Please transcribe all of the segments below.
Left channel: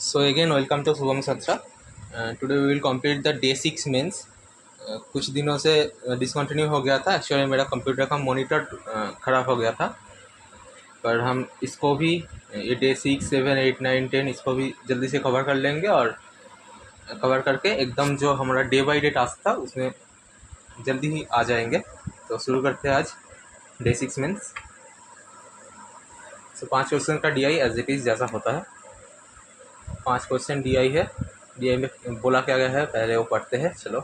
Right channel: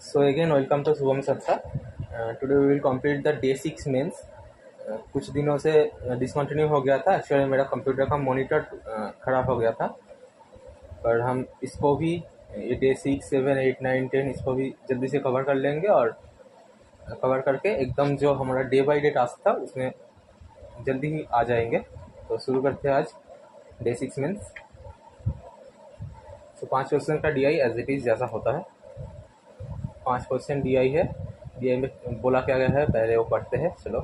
So again, welcome to Subham Satra. Today we will complete the day 6 mains. कुछ दिनों से discontinue हो गया था। एक्चुअली मेरा कंप्यूटर का मॉनिटर ख़राब हो गया था, पर हम इसको भी ये डे 6, 7, 8, 9, 10 इसको भी जल्दी से कवर कर लेंगे और कवर करके एकदम जो हमारा डे बाई डे टास्क था उसमें जल्दी ही आ जाएंगे। तो शुरू करते हैं आज डे 6 मेंस। सो 5 क्वेश्चन का DI एज इट इज़ जैसा होता है। 5 क्वेश्चन DI है। DI में बोला क्या गया है पहले वो पढ़ते हैं। चलो,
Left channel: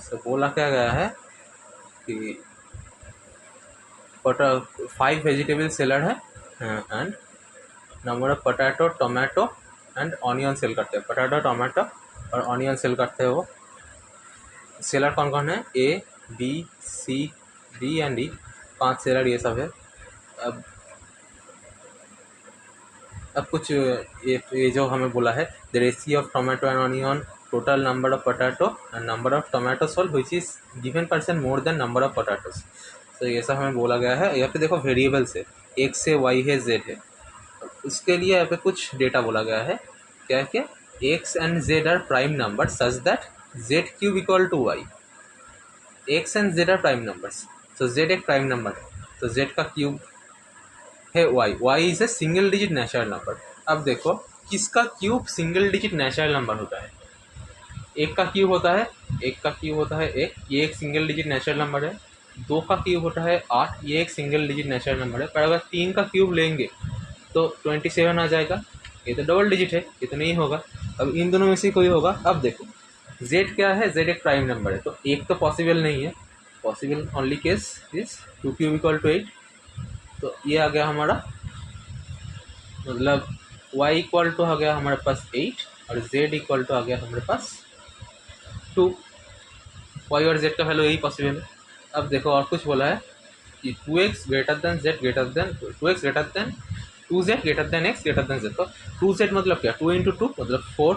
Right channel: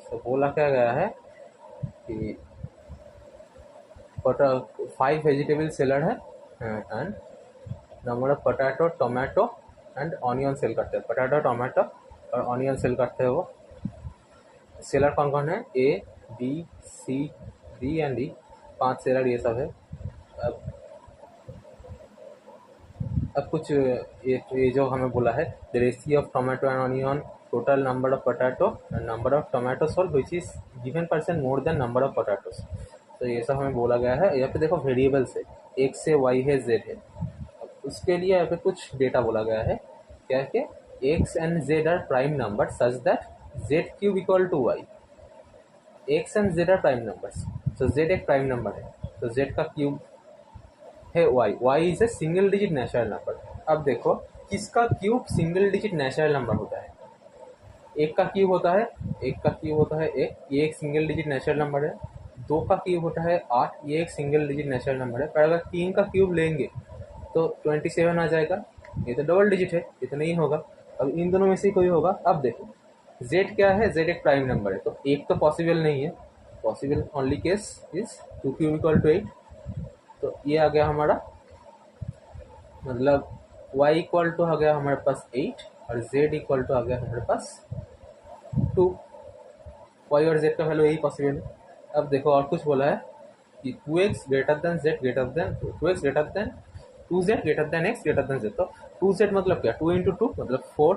सो बोला क्या गया है कि 5 वेजिटेबल सेलर है and number of potato, tomato and onion sell करते हैं। पोटैटो, टोमेटो और ऑनियन सेल करते हैं वो। सेलर कौन कौन है? A, B, C, D and E। 5 seller ये सब है। अब कुछ ये जो हमें बोला है, the ratio of tomato and onion, total number of potato and number of tomato sold which is given percent more than number of potatoes. तो ये सब हमें बोला गया है। यहाँ पे देखो वेरिएबल्स है, X से Y है, Z है। उसके लिए यहाँ पे कुछ डेटा बोला गया है। क्या है कि X and Z are prime number such that Z cube equal to Y। X and Z are prime numbers, तो Z एक प्राइम नंबर है, तो Z का क्यूब है y is a single digit natural number. अब देखो किसका cube single digit natural number होता है? एक का क्यूब होता है, एक का क्यूब होता है एक, ये एक सिंगल डिजिट नेचुरल नंबर है। 2 का क्यूब होता है 8, ये एक सिंगल डिजिट नेचुरल नंबर है। पर अगर 3 का क्यूब लेंगे तो 27 आ जाएगा। ये तो डबल डिजिट है, ये तो नहीं होगा। अब इन दोनों में से कोई होगा। अब देखो z क्या है? z एक प्राइम नंबर है, तो एक तो पॉसिबल नहीं है। Possible only case is 2 cube equal to 8। तो ये आ गया हमारा, मतलब y इक्वल टू आ गया हमारे पास 8 और z इक्वल टू आ गया हमारे पास 2। y और z का वैल्यू यही पॉसिबल है। अब देखो और कुछ बोला है कि 2x greater than z greater than 2x greater than 2z greater than x greater than z। तो 2z मतलब क्या? 2 इंटू 2 मतलब 4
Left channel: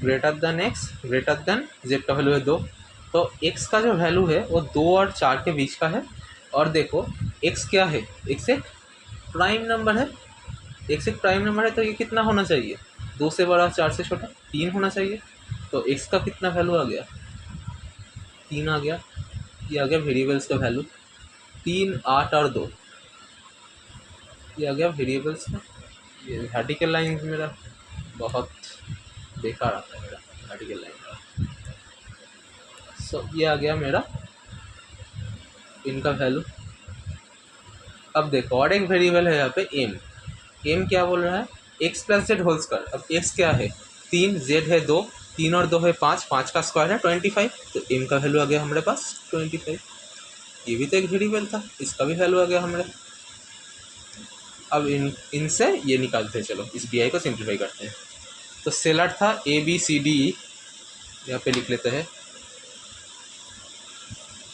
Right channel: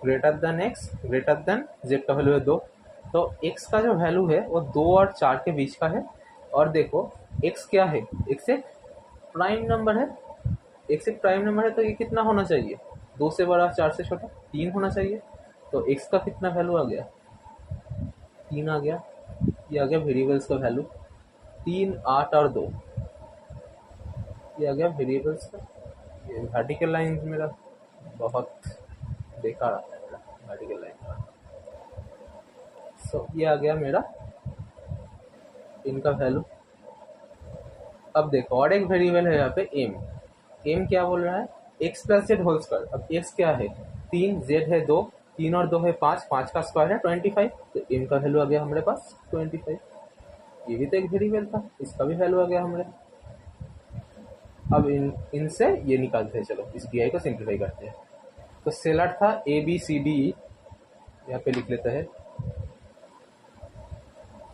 greater than x greater than z का वैल्यू है 2। तो x का जो वैल्यू है वो 2 और 4 के बीच का है। और देखो x क्या है? x एक प्राइम नंबर है। x एक प्राइम नंबर है, तो ये कितना होना चाहिए? 2 से बड़ा, 4 से छोटा, 3 होना चाहिए। तो x का कितना वैल्यू आ गया? 3 आ गया। ये आ गया वेरिएबल्स का वैल्यू, 3, 8 और 2। ये आ गया वेरिएबल्स का। ये वर्टिकल लाइन मेरा बहुत बेकार आता है, मेरा वर्टिकल लाइन। सो ये आ गया मेरा इनका वैल्यू। अब देखो और एक वेरिएबल है यहाँ पे m क्या बोल रहा है? x plus z whole square. अब x क्या है? 3, z है 2, 3 और 2 है 5, 5 का स्क्वायर है 25। तो m का वैल्यू आ गया हमारे पास 25। ये भी तो एक वेरिएबल था, इसका भी वैल्यू आ गया हमारे। अब इनसे ये निकालते हैं। चलो इस DI को सिंप्लीफाई करते हैं। तो सेलर था ABCD, यहाँ पे लिख लेते हैं।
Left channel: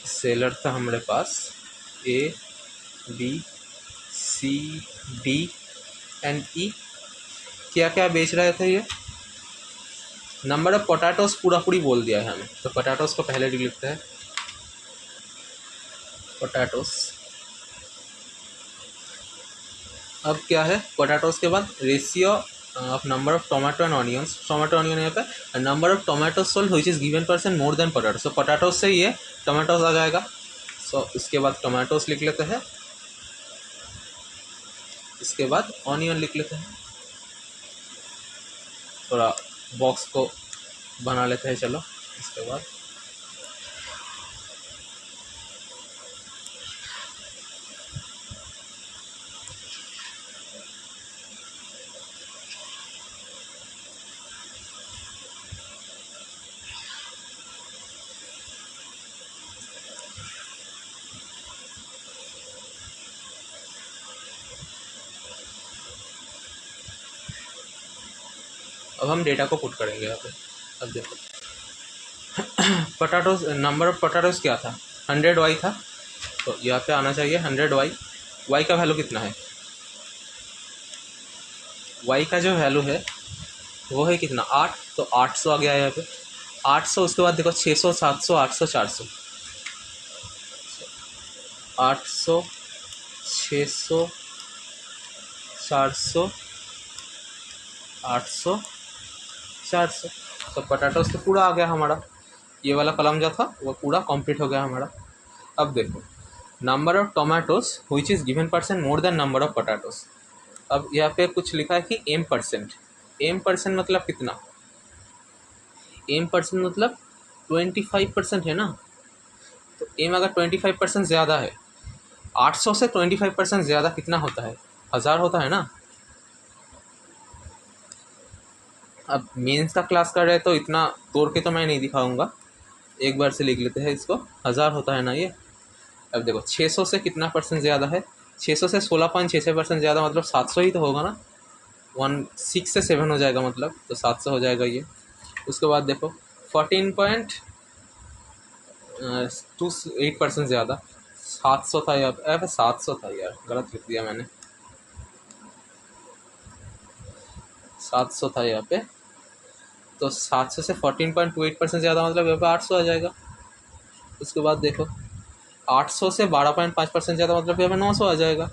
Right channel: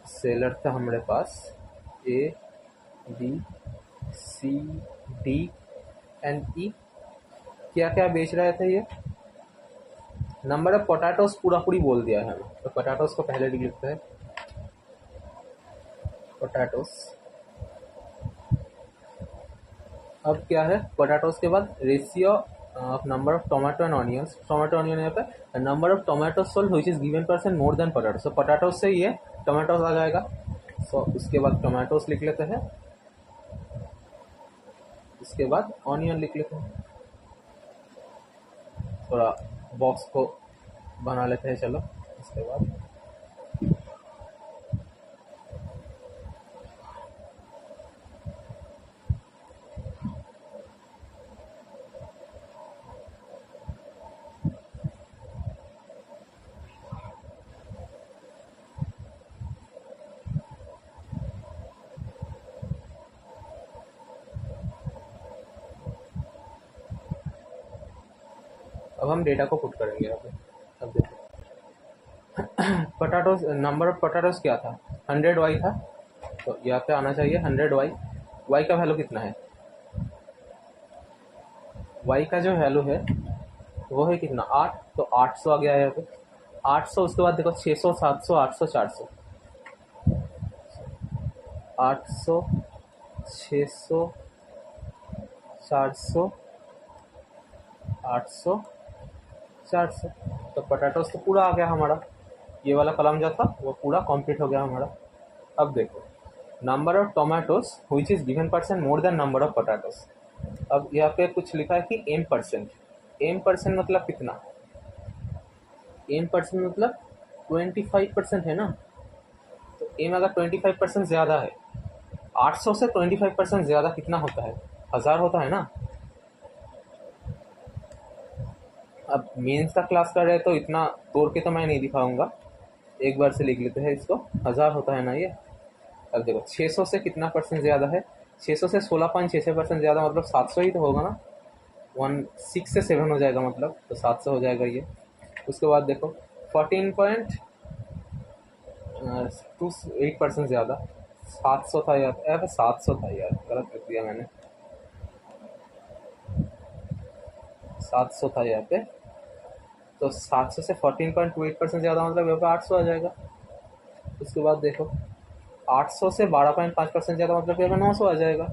सेलर था हमारे पास ABCD एंड E। क्या क्या बेच रहे थे ये? नंबर ऑफ पोटैटोस पूरा पूरी बोल दिया है हमें, तो पोटैटोस को पहले लिख लेते हैं। पोटैटोस। अब क्या है? पोटैटोस के बाद ratio of number of tomato and onions. Tomato onion यहाँ पे number of tomato sold which is given percent more than potato. So potatoes से ये टोमेटोस आ जाएगा। सो इसके बाद टोमेटोस लिख लेते हैं, इसके बाद ऑनियन लिख लेते हैं। थोड़ा बॉक्स को बना लेते हैं। चलो इसके बाद अब हम डेटा को पुट करेंगे यहाँ पे। अब देखो पोटैटोस, नंबर ऑफ पोटैटोस क्या था? 100y था, तो यहाँ पे आना चाहिए 100y। y का वैल्यू कितना है? y का जो वैल्यू है वो है कितना? 8। तो 800 आ गया है यहाँ पे। 800, उसके बाद देखो 600, 700, 800, 400। 800, 600, 400, 800 400। तो पोटैटोस तो पूरा आ गया हमारा, ये वाला कॉलम जो था वो पूरा कंप्लीट हो गया हमारा। अब देखो number of tomatoes which is given percent more than number of potatoes. अब यहाँ पे कुछ लिखा है कि m%। m% मतलब कितना, m% मतलब 25% है ना। तो m अगर 25% ज़्यादा है, 800 से 25% ज़्यादा कितना होता है, 1000 होता है ना। अब मेंस का क्लास कर रहे तो इतना तोड़ के तो मैं नहीं दिखाऊंगा, एक बार से लिख लेते हैं इसको, 1000 होता है ना ये। अब देखो 600 से कितना परसेंट ज़्यादा है, 600 से 16.66% ज़्यादा, मतलब 700 ही तो होगा ना। 6 से 7 हो जाएगा मतलब, तो 700 हो जाएगा ये। उसके बाद देखो 14.28% ज़्यादा, 700 था यार, 700 था यार, गलत लिख दिया मैंने, 700 था यहाँ पे। तो 700 से 14.28% ज़्यादा, मतलब यहाँ पे 800 आ जाएगा। उसके बाद देखो 800 से 12.5% ज़्यादा, मतलब यहाँ पे 900 आ जाएगा।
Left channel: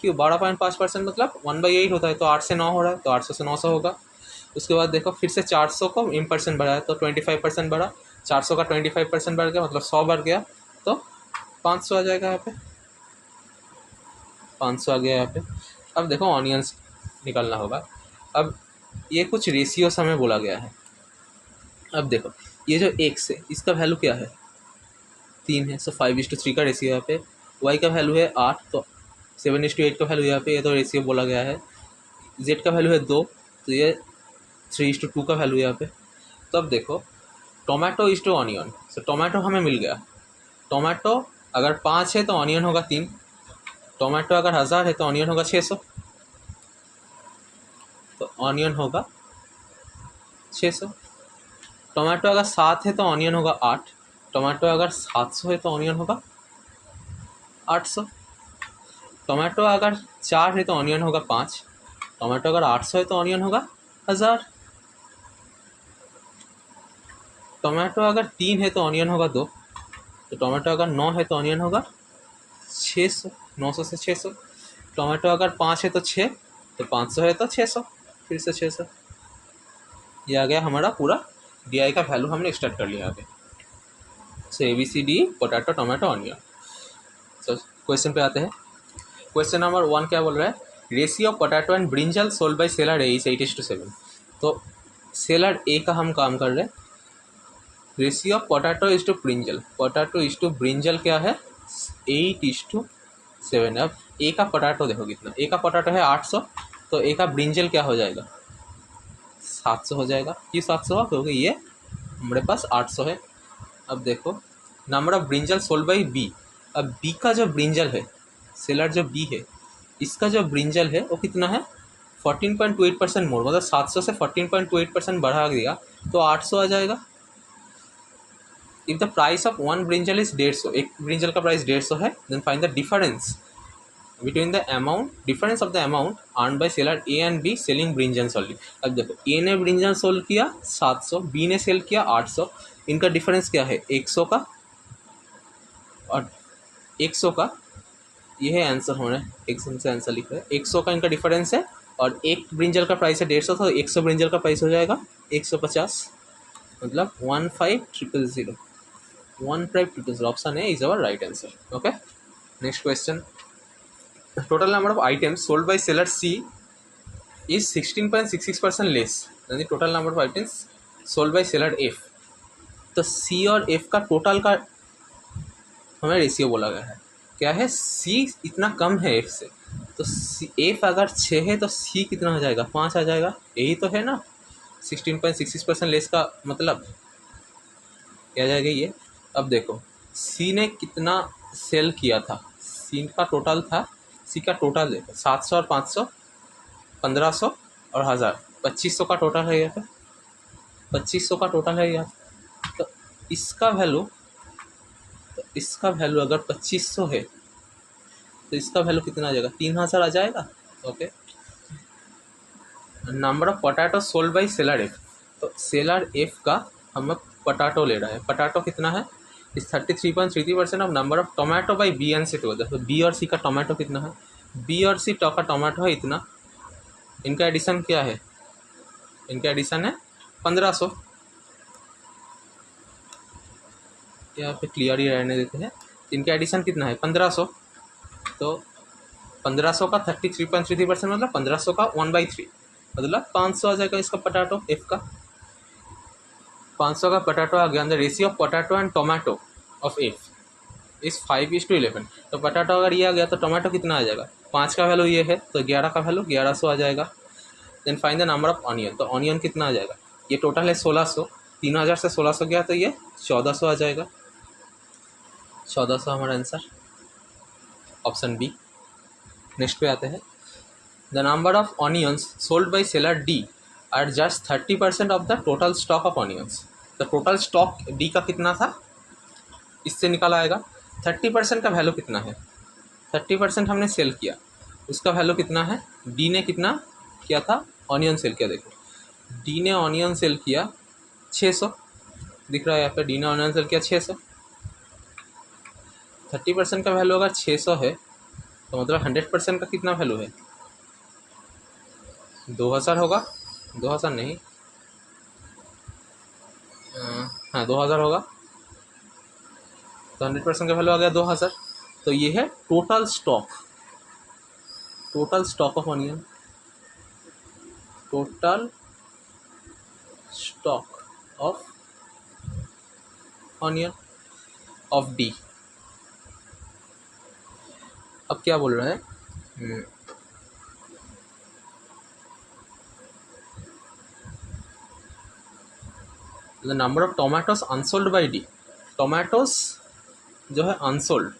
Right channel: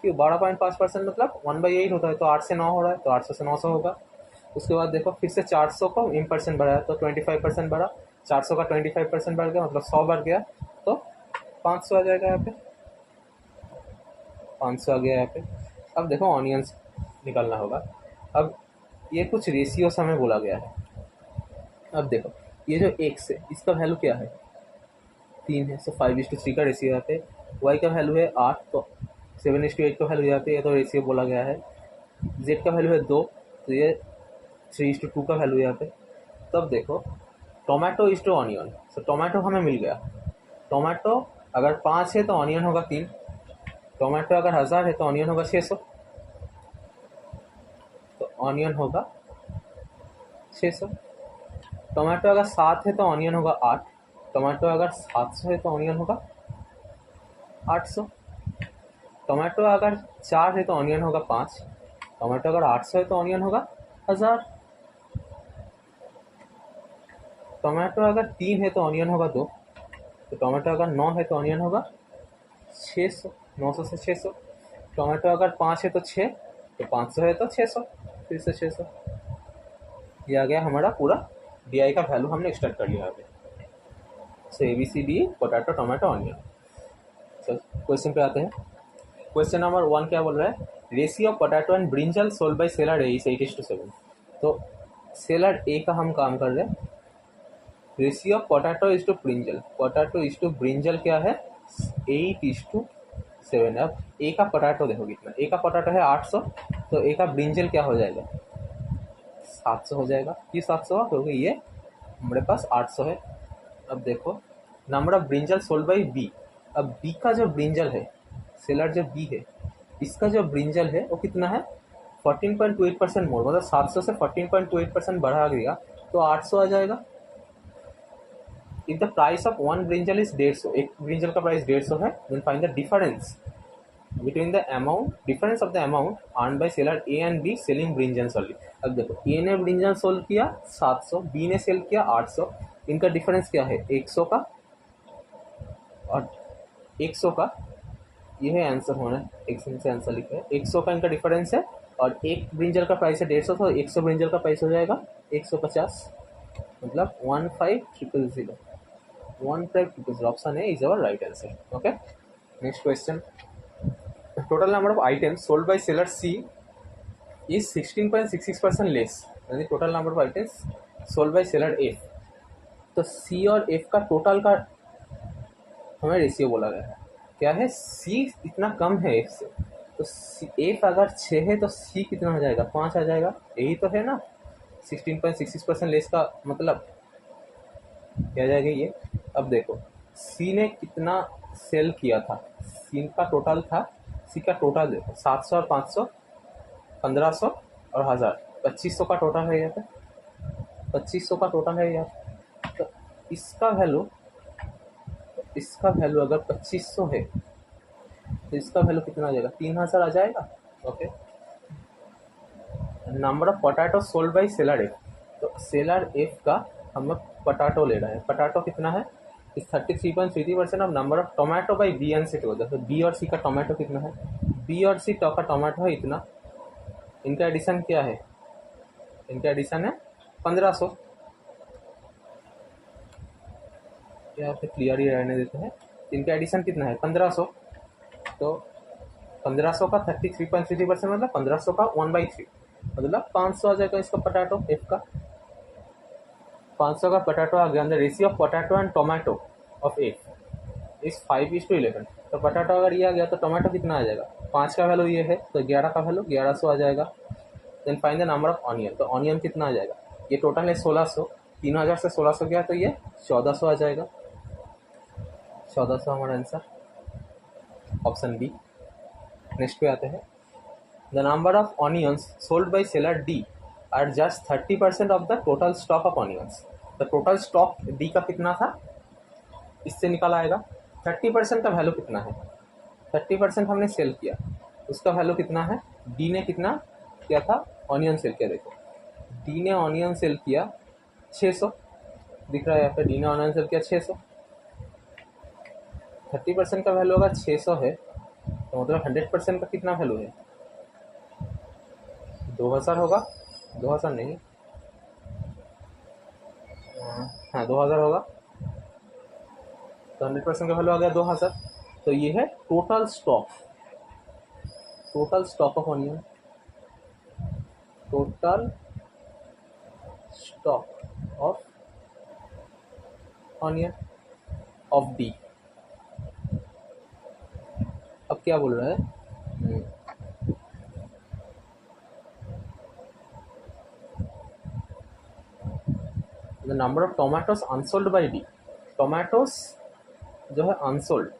क्यों, 12.5% मतलब 1/8 होता है, तो 8 से 9 हो रहा है, तो 800 से 900 होगा। उसके बाद देखो फिर से 400 को m% बढ़ा है, तो 25% बढ़ा, 400 का 25% बढ़ गया, मतलब 100 बढ़ गया, तो 500 आ जाएगा यहाँ पे, 500 आ गया यहाँ पे। अब देखो ऑनियंस निकालना होगा। अब ये कुछ रेशियोस हमें बोला गया है। अब देखो ये जो x है इसका वैल्यू क्या है, 3 है, सो 5:3 का रेशियो यहाँ पे। y का वैल्यू है 8, तो 7:8 का वैल्यू यहाँ पे, ये तो रेशियो बोला गया है। z का वैल्यू है 2, तो ये 3:2 का वैल्यू यहाँ पे। तो अब देखो tomato is to onion, so tomato हमें मिल गया। टोमेटो अगर 5 है तो ऑनियन होगा 3, टोमेटो अगर 1000 है तो ऑनियन होगा 600, तो ऑनियन होगा 600। टोमेटो अगर 7 है तो ऑनियन होगा 8, टोमेटो अगर 700 है तो ऑनियन होगा 800। टोमेटो अगर 4 है तो ऑनियन होगा 5, टोमेटो अगर 800 है तो ऑनियन होगा 1000। टोमेटो अगर 3 है तो ऑनियन होगा 2, तो टोमेटो अगर 9 है तो ऑनियन होगा 600, 900 से 600। टोमेटो अगर 5 है तो 6, तो 500 है तो 600, फिर से 600। ये आ गया हमारा पूरा DI का वैल्यू, हमने एक्सट्रैक्ट कर लिया आगे। सो ABCD potato tomato onion. So question पे आते हैं। क्वेश्चन नंबर 1 क्या बोल रहा है, ratio of potato and brinjal sold by seller A is 8:7। तो सेलर ए का हम काम कर रहे हैं। Ratio of potato is to brinjal, potato is to brinjal क्या है 8:7। अब ए का पोटैटो देखो कितना, ए का पोटैटो है 800, तो ए का ब्रिंजल क्या हो जाएगा 700 हो जाएगा। ये 700 है क्योंकि ये हमारे पास 800 है। अब देखो number of brinjal sold by B. अब बी का जो ब्रिंजल है, सेलर जो बी है, इसका जो ब्रिंजल है वो कितना है 14.28% मोर, मतलब 700 से 14.28% बढ़ा दिया तो 800 आ जाएगा। If the price of one brinjal is 150, एक ब्रिंजल का प्राइस 150 है, then find the difference between the amount, difference of the amount earn by seller A and B selling brinjal only. अब देखो ए ने ब्रिंजल सोल्ड किया 700, B ने cell किया 800, इनका डिफरेंस क्या है 100 का और 100 का, ये है आंसर होना, एक से आंसर लिखा है 100 का इनका डिफरेंस है। और एक ब्रिंजल का प्राइस है 150, तो 100 ब्रिंजल का प्राइस हो जाएगा 150, मतलब 1500, 1500 ऑप्शन है is our right answer. Okay, next question. Total number of items sold by seller C is 16.66% less than the total number of items sold by seller F. तो C और F का total का हमें ratio बोला गया है, क्या है सी इतना कम है एफ से, तो एफ अगर 6 है तो सी कितना हो जाएगा 5 आ जाएगा, यही तो है ना 16.66% लेस का मतलब क्या जाएगा ये। अब देखो सी ने कितना सेल किया था, सी का टोटल था, सी का टोटल देखो 700 और 500, 1500 और 1000, 2500 का टोटल है यहाँ पे, 2500 का टोटल है यहाँ। तो इसका वैल्यू, तो इसका वैल्यू अगर 2500 है तो इसका वैल्यू कितना आ जाएगा 3000 आ जाएगा। Okay, number of potato sold by seller F. तो सेलर एफ का हमें पोटैटो ले रहा है, पोटैटो कितना है इस 33.33% of number of tomato by B and C too. तो बी और सी का टोमेटो कितना है, बी और सी का टोमेटो है इतना, इनका एडिशन क्या है, इनका एडिशन है 1500। यहाँ पे क्लियर ही रहने देते हैं। इनका एडिशन कितना है 1500, तो 1500 का 33.33% मतलब 1500 का 1/3 मतलब 500 आ जाएगा इसका पोटैटो एफ का। 500 का पोटैटो आ गया। The ratio of potato and tomato of F इस 5:11। तो पोटैटो अगर ये आ गया तो टोमेटो कितना आ जाएगा, 5 का वैल्यू ये है तो 11 का वैल्यू 1100 आ जाएगा। Then find the number of onion, तो ऑनियन कितना आ जाएगा, ये टोटल है 1600, 3000 से 1600 गया तो ये 1400 आ जाएगा। 1400 हमारा आंसर, ऑप्शन बी। नेक्स्ट पे आते हैं। The number of onions sold by seller D R just 30% of the total stock of onions. The total stock D का कितना था, इससे निकाला आएगा। 30% का वैल्यू कितना है, 30% हमने सेल किया, उसका वैल्यू कितना है, डी ने कितना किया था, ऑनियन सेल किया। देखो डी ने ऑनियन सेल किया 600, दिख रहा है यहाँ पे, डी ने ऑनियन सेल किया 600। 30% का वैल्यू अगर 600 है तो मतलब 100% का कितना वैल्यू है, 2000 होगा, 2000 नहीं, हाँ 2000 होगा, तो 100% का वैल्यू आ गया 2000। तो ये है total stock, total stock of onion, total stock of onion of D. अब क्या बोल रहा है, the number of tomatoes unsold by D, tomatoes जो है अनसोल्ड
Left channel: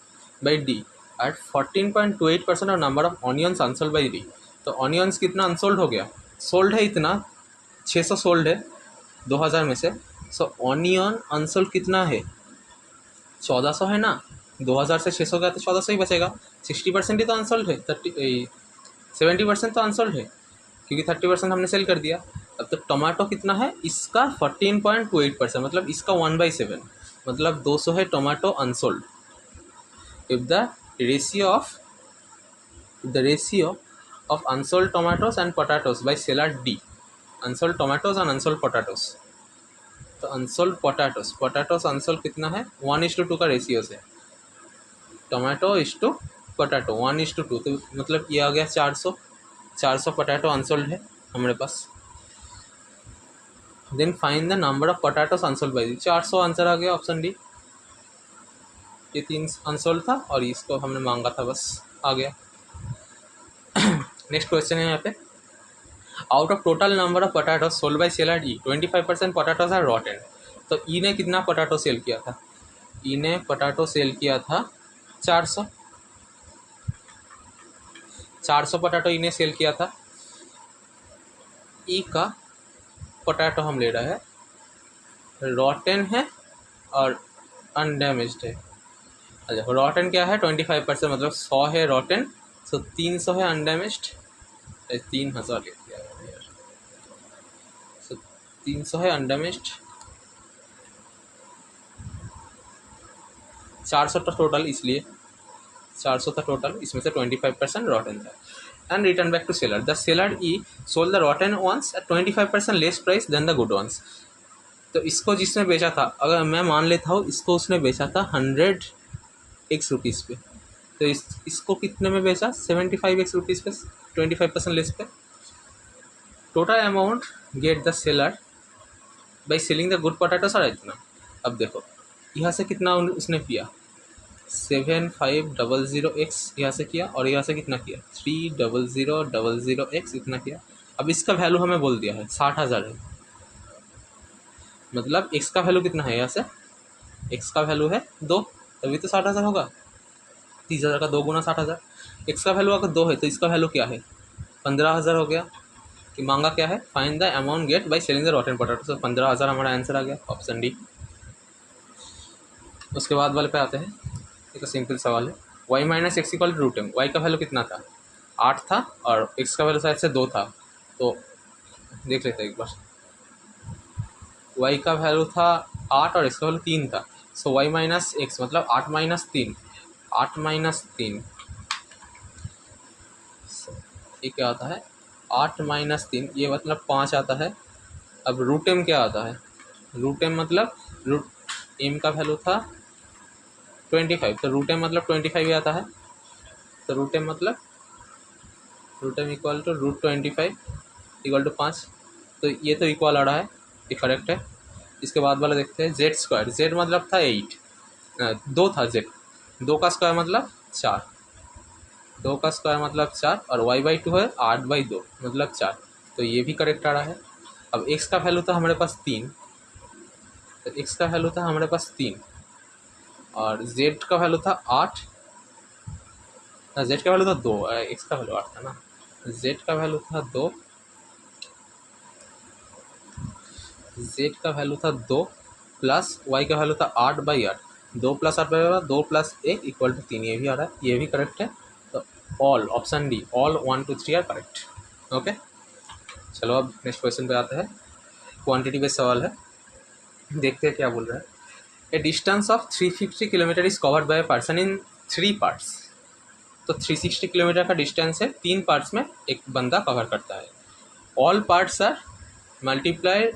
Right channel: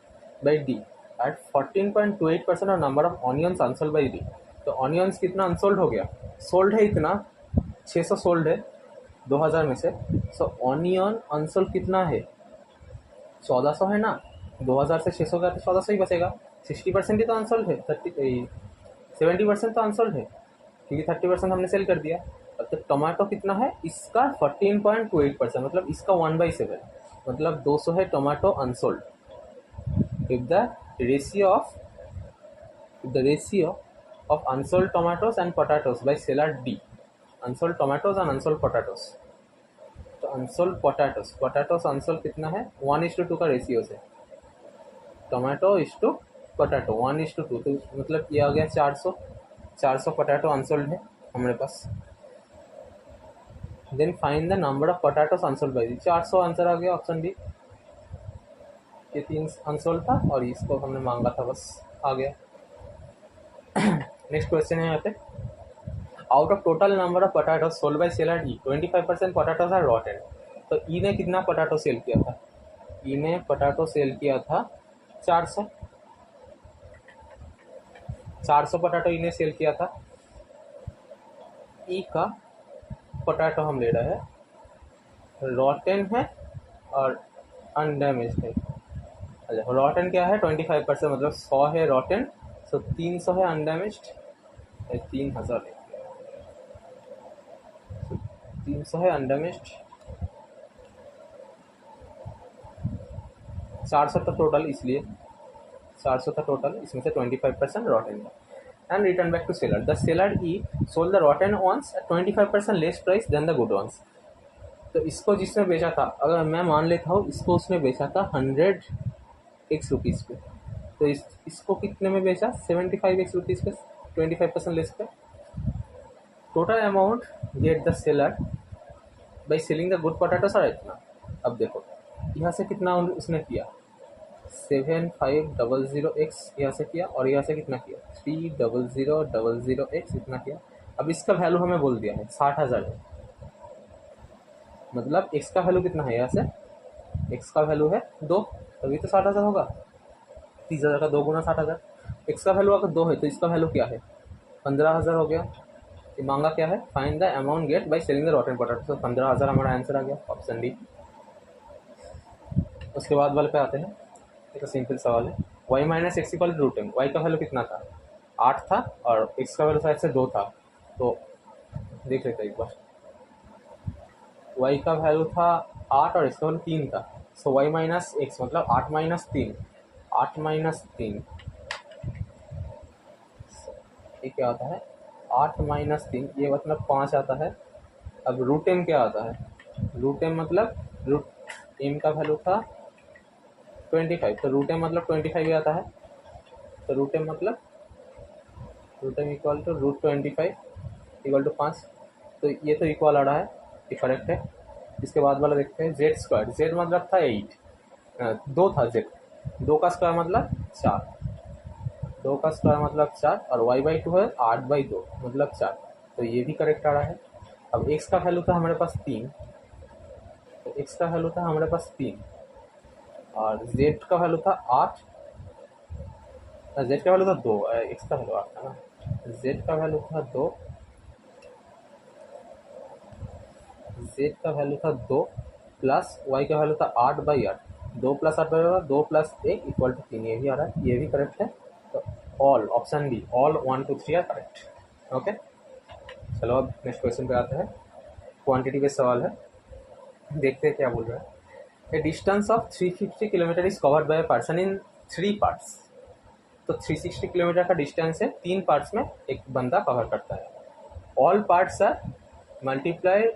बाई डी एट 14.28% और number of onions unsold by D. तो ऑनियंस कितना अनसोल्ड हो गया, सोल्ड है इतना 600 सोल्ड है 2000 में से, सो ऑनियन अनसोल्ड कितना है 1400 है ना, 2000 से 600 गया तो 1400 ही बचेगा। 60% ही तो अनसोल्ड है, 70% तो अनसोल्ड है क्योंकि 30% हमने सेल कर दिया। अब तो टोमेटो कितना है इसका 14.28% मतलब इसका 1/7 मतलब 200 है tomato unsold. If the ratio of unsold tomatoes and potatoes by seller D, unsold tomatoes and unsold potatoes, तो अनसोल्ड पोटैटोज अनसोल्ड कितना है 1:2 का रेशियो से, टोमेटो इज टू पोटैटो 1:2, तो मतलब ये आ गया 400 पोटैटो अनसोल्ड है हमारे पास। Then find the number of potatoes unsold by the, 400 answer आ गया ऑप्शन डी। ये 3 अनसोल्ड था और इसको हमने मांगा था, बस आ गया। नेक्स्ट क्वेश्चन है यहाँ पे, out of total number of potato sold by seller E 25% potatoes are rotten. तो ई ने कितना पोटैटो सेल किया था, ई ने पोटैटो सेल किया था 400 पोटैटो ई ने सेल किया था। ई का पोटैटो हम ले रहे हैं, रॉटेन है और अनडैमेज्ड है। अच्छा रॉटेन क्या है 25% मतलब 100 है रॉटेन, सो 300 है अनडैमेज्ड, 3000 ले लिया यार, सो 300 है अनडैमेज्ड, 400 था टोटल, इसलिए 400 था टोटल, इसमें से 25% रॉटेन था। And return back to seller, the seller E sold the rotten ones at 25% less price than the good ones. तो इसको जिसने बेचा था, अगर मैं मान लेता हूँ इसको उसने बेचा था 100x रुपीज़ पे, तो इसको कितने में बेचा 75x रुपीज़ पे 25% लेस पे। Total amount get the seller by selling the good potatoes और इतना। अब देखो यहाँ से कितना उसने किया 7500x यहाँ से किया और यहाँ से कितना किया 3000x इतना किया। अब इसका वैल्यू हमें बोल दिया है 60,000 है, मतलब x का वैल्यू कितना है, यहाँ से x का वैल्यू है 2, तभी तो 60,000 होगा, 30,000 का 2 गुना 60,000। x का वैल्यू अगर 2 है तो इसका वैल्यू क्या है 15,000 हो गया। कि मांगा क्या है, find the amount get by selling the rotten potato, तो 15,000 हमारा आंसर आ गया, ऑप्शन डी। उसके बाद वाले पे आते हैं, एक सिंपल सवाल है, y minus x equal root m, y का वैल्यू कितना था 8 था और x का वैल्यू शायद से 2 था, तो देख लेते हैं एक बार। y का वैल्यू था 8 और x का वैल्यू 3 था, सो y माइनस एक्स मतलब 8 माइनस 3, 8 माइनस 3 ये क्या आता है 8 माइनस 3 ये मतलब 5 आता है। अब रूट एम क्या आता है, रूट एम मतलब रूट एम का वैल्यू था 25, तो रूट एम मतलब 25 ही आता है। तो रूट एम मतलब root m equal to root 25 equal to 5। तो ये तो इक्वल आ रहा है, ये करेक्ट है। इसके बाद वाला देखते हैं, जेड स्क्वायर, जेड मतलब था 8, 2 था जेड, 2 का स्क्वायर मतलब 4, 2 का स्क्वायर मतलब 4 और y/2 है 8/2 मतलब 4, तो ये भी करेक्ट आ रहा है। अब x का वैल्यू था हमारे पास 3, तो x का वैल्यू था हमारे पास 3 और z का वैल्यू था 8, z का वैल्यू था 2, x का वैल्यू 8 था ना, z का वैल्यू था 2, z का वैल्यू था 2 प्लस y का वैल्यू था 8/8, 2 प्लस 8/8 2 प्लस 1 इक्वल टू 3, ये भी आ रहा है, ये भी करेक्ट है। तो all option D, all 1 2 3 are correct. Okay, चलो अब नेक्स्ट क्वेश्चन पे आते हैं। क्वांटिटी बेस्ड सवाल है, देखते हैं क्या बोल रहा है। ए distance of 350 kilometre is covered by person in 3 parts. तो 360 किलोमीटर का डिस्टेंस है, 3 पार्ट्स में एक बंदा कवर करता है। All parts are multiply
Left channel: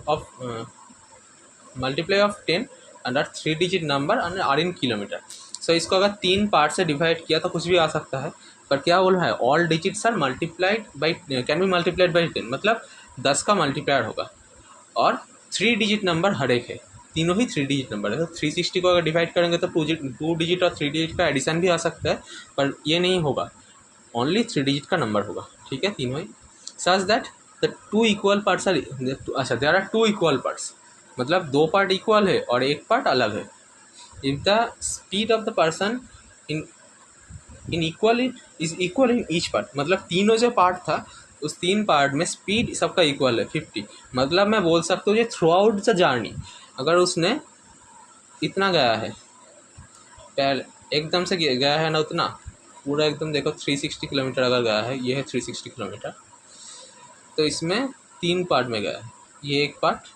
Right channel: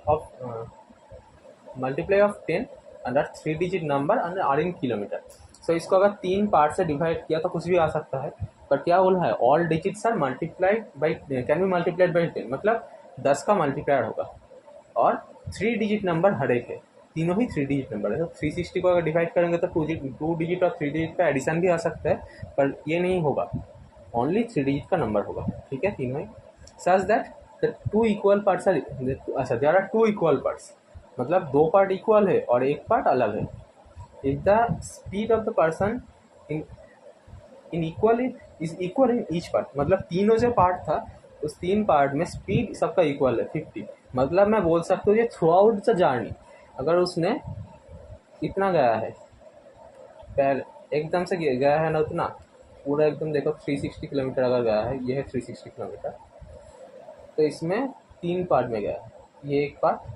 of 10 under 3 digit number and are in kilometre. So इसको अगर 3 पार्ट से डिवाइड किया तो कुछ भी आ सकता है, पर क्या बोल रहा है, all digits are multiplied by, can be multiplied by 10, मतलब 10 का मल्टीप्लायर होगा और 3 डिजिट नंबर हर एक है, तीनों ही 3 डिजिट नंबर है। तो 360 को अगर डिवाइड करेंगे तो 2 डिजिट और 3 डिजिट का एडिशन भी आ सकता है, पर ये नहीं होगा, ओनली 3 डिजिट का नंबर होगा, ठीक है, तीनों ही। Such that the 2 equal parts are, अच्छा देयर आर 2 इक्वल पार्ट्स, मतलब 2 पार्ट इक्वल है और एक पार्ट अलग है। If the speed of the person in equal in each part, मतलब तीनों जो पार्ट था उस 3 पार्ट में स्पीड सबका इक्वल है 50, मतलब मैं बोल सकता हूँ ये थ्रू आउट द जर्नी, अगर उसने इतना गया है, पहले एकदम से गया है ना उतना पूरा एकदम, देखो 360 किलोमीटर अगर गया है, ये है 360 किलोमीटर, तो इसमें 3 पार्ट में गया है, ये एक पार्ट,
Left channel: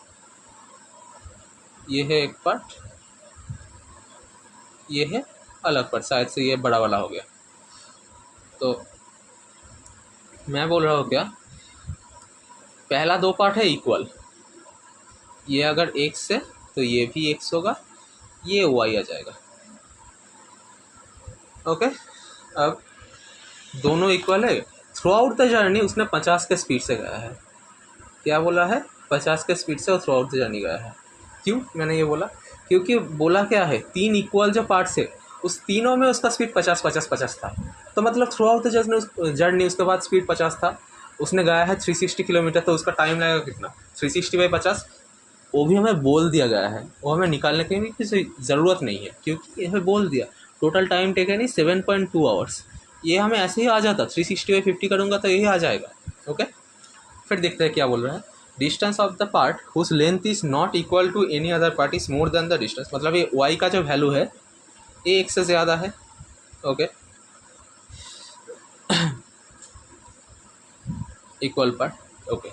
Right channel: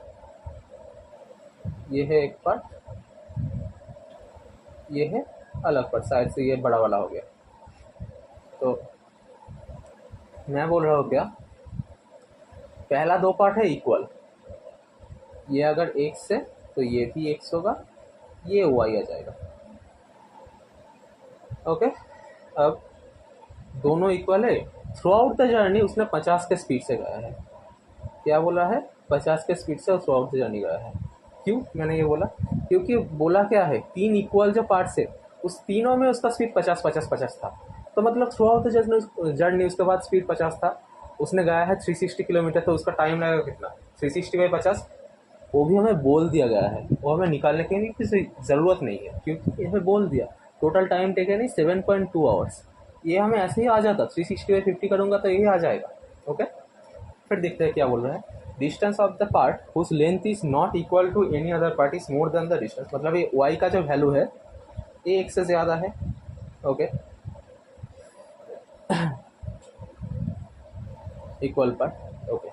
ये है एक पार्ट, ये है अलग पार्ट, शायद से ये बड़ा वाला हो गया। तो मैं बोल रहा हूँ क्या, पहला 2 पार्ट है इक्वल, ये अगर x है तो ये भी x होगा, ये y आ जाएगा। ओके, अब दोनों इक्वल है, थ्रू आउट द जर्नी उसने 50 के स्पीड से गया है, क्या बोला है, 50 के स्पीड से थ्रू आउट द जर्नी गया है। क्यों मैंने ये बोला, क्योंकि बोला क्या है, 3 इक्वल जो पार्ट्स है उस तीनों में उसका स्पीड 50 50 50 था, तो मतलब थ्रू आउट द जर्नी उसके बाद स्पीड 50 था, उसने गया है 360 किलोमीटर, तो उसका टाइम लगेगा कितना, 360/50, वो भी हमें बोल दिया गया है, वो हमें निकालने की भी किसी ज़रूरत नहीं है, क्योंकि हमें बोल दिया टोटल टाइम टेकन ही 7.2 आवर्स, ये हमें ऐसे ही आ जाता, 360/50 करूँगा तो यही आ जाएगा। ओके, फिर देखते हैं क्या बोल रहा है, distance of the part whose length is not equal to any other part is more than the distance, मतलब ये y का जो वैल्यू है ये एक से ज़्यादा है। Okay, equal part. ओके,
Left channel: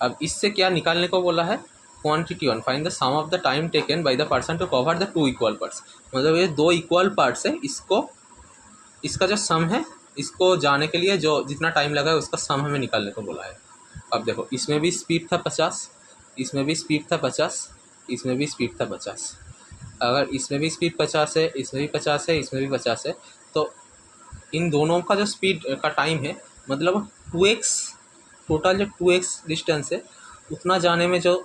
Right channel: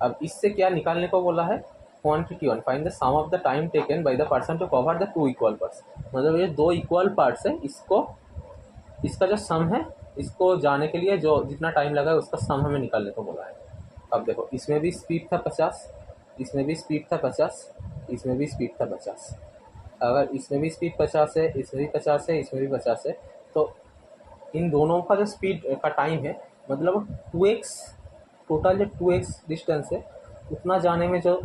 अब इससे क्या निकालने को बोला है, quantity one, find the sum of the time taken by the person to cover the 2 equal parts, मतलब ये 2 इक्वल पार्ट्स है, इसको इसका जो सम है, इसको जाने के लिए जो जितना टाइम लगा है उसका सम हमें निकालने को बोला है। अब देखो इसमें भी स्पीड था 50, इसमें भी स्पीड था 50, इसमें भी स्पीड था 50, अगर इसमें भी स्पीड 50 है, इसमें भी 50 है, इसमें भी 50 है, तो इन दोनों का जो स्पीड का टाइम है, मतलब 2x, टोटल जो 2x डिस्टेंस है उतना जाने में जो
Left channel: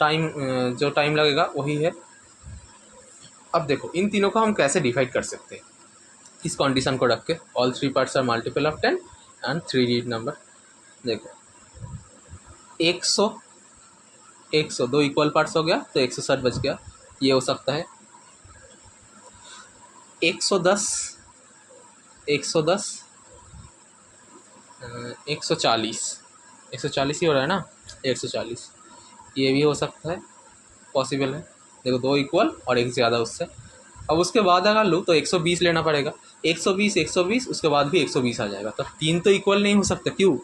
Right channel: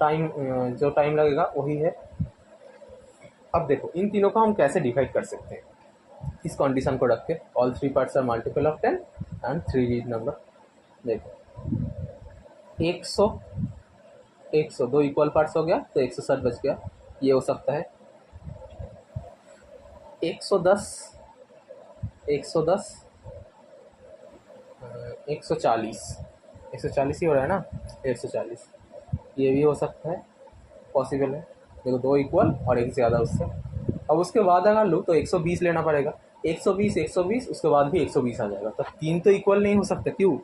टाइम लगेगा वही है। अब देखो इन तीनों को हम कैसे डिवाइड कर सकते हैं, इस कंडीशन को रख के, all 3 parts are multiple of 10 and 3 digit number. देखो 100 100 2 इक्वल पार्ट्स हो गया तो 160 बच गया, ये हो सकता है 110 110 140 140 ही हो रहा है ना, 140, ये भी हो सकता है, पॉसिबल है। देखो 2 इक्वल और एक ज़्यादा उससे, अब उसके बाद अगर लो तो 120 लेना पड़ेगा, 120 120 उसके बाद भी 120 आ जाएगा, तो 3 तो इक्वल नहीं हो सकता, क्यों,